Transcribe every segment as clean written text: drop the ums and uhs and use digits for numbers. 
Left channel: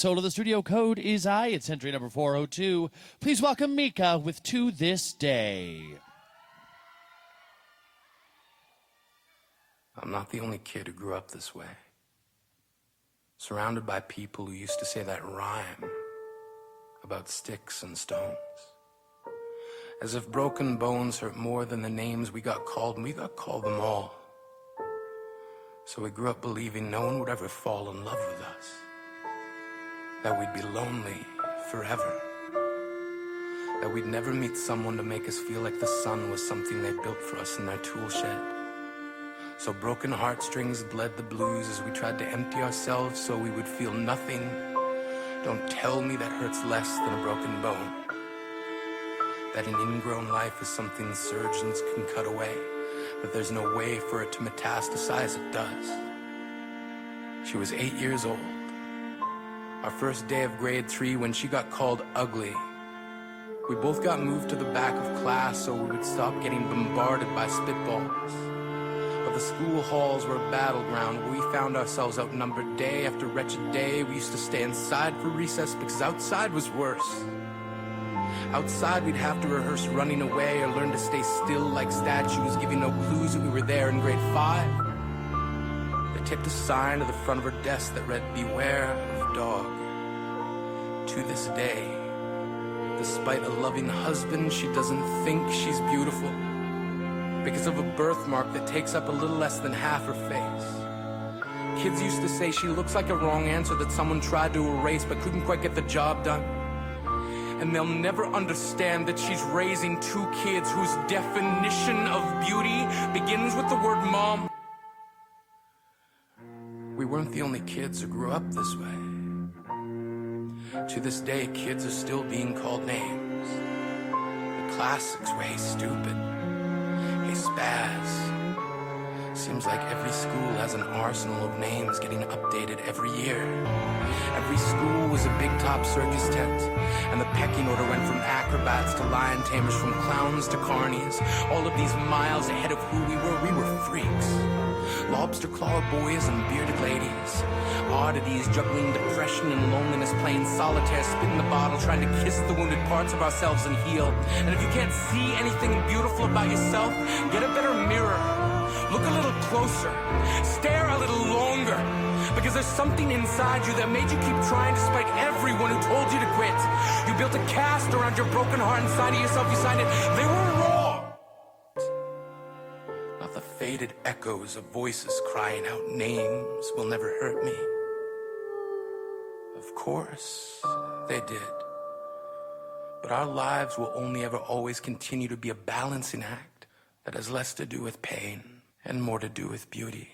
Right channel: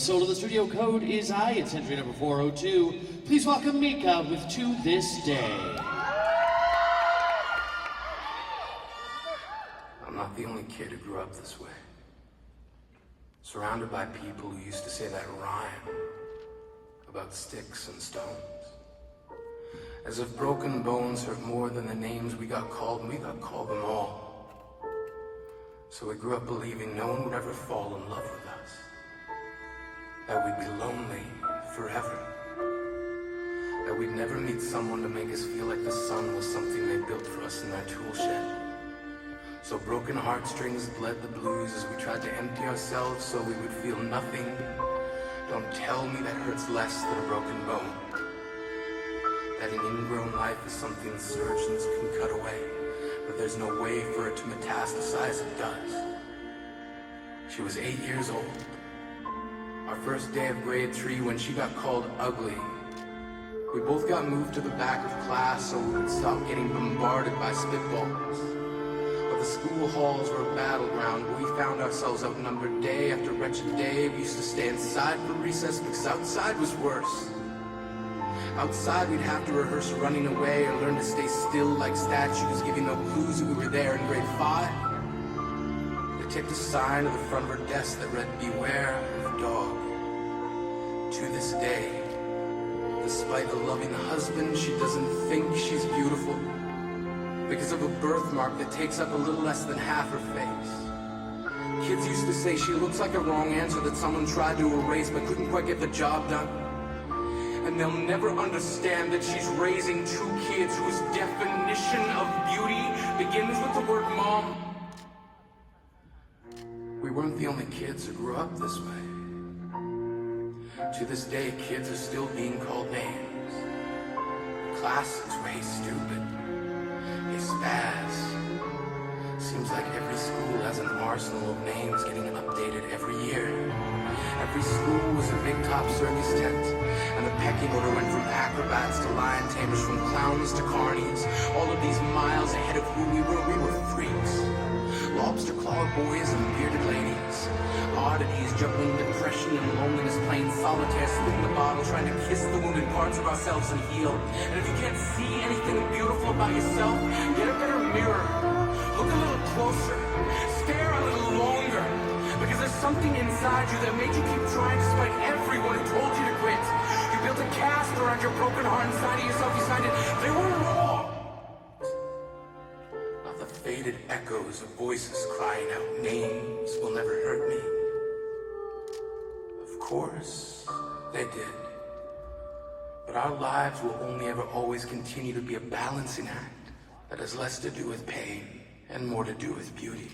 So the studio code is I. It's entry number 402. Please welcome Mika with To This Day. I'm not the only kid who grew up this way. Surrounded by people who used to say that rhyme about sticks and stones. As if broken bones hurt more than the names we got called them all. So we grew up believing no one would ever fall in love with us. That we'd be lonely forever. That we'd never meet someone to make us feel like the sun was something they built for us in their tool shed. So broken heartstrings bled the blues as we tried to empty ourselves so we would feel nothing. Don't tell me that hurts less than a broken bone. That an ingrown life is something surgeons can cut away. That there's no way for it to metastasize, it does. She was 8 years old. Our first day of grade 3 when she got called ugly. We both got moved to the back of class so we would stop getting bombarded by spitballs. But the school halls were a battleground. We found ourselves outnumbered day after wretched day. We used to stay inside for recess because outside was worse. Outside we'd have to rehearse running away or learn to stay still like statues, giving no clues we were there in grade 5. They taped a sign to the front of her desk that read, "Beware of the dog." To this day, despite the loving husband, she doesn't think she's beautiful because of a birthmark that takes up a little less than half her face. Kids used to say she looks like a wrong answer that someone tried to erase but couldn't quite get the job done. And they'll never understand that she's raising 2 kids whose definition of beauty begins with the word mom. We weren't the only kids who grew up this way. To this day, kids are still being called names. The classics were, "Hey stupid," "Hey spaz." Seems like every school has an arsenal of names getting updated every year. Every school was a big top circus tent, and the pecking order went from acrobats to lion tamers, from clowns to carnies. All of these miles ahead of who we were freaks. Lobster claw boys and bearded ladies. Oddities juggling depression and loneliness, playing solitaire, spinning the bottle, trying to kiss the wounded parts of ourselves and heal. And if you can't see anything beautiful about yourself, get a better mirror. Look a little closer. Stare a little longer. Because there's something inside you that made you keep trying despite everyone who told you to quit. You built a cast around your broken heart inside of yourself. You decided they were wrong. Not the faded echoes of voices crying out names will never hurt me. Of course, they did. But our lives will only ever always continue to be a balancing act that has less to do with pain and more to do with beauty.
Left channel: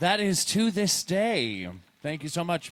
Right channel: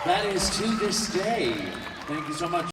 That is To This Day. Thank you so much.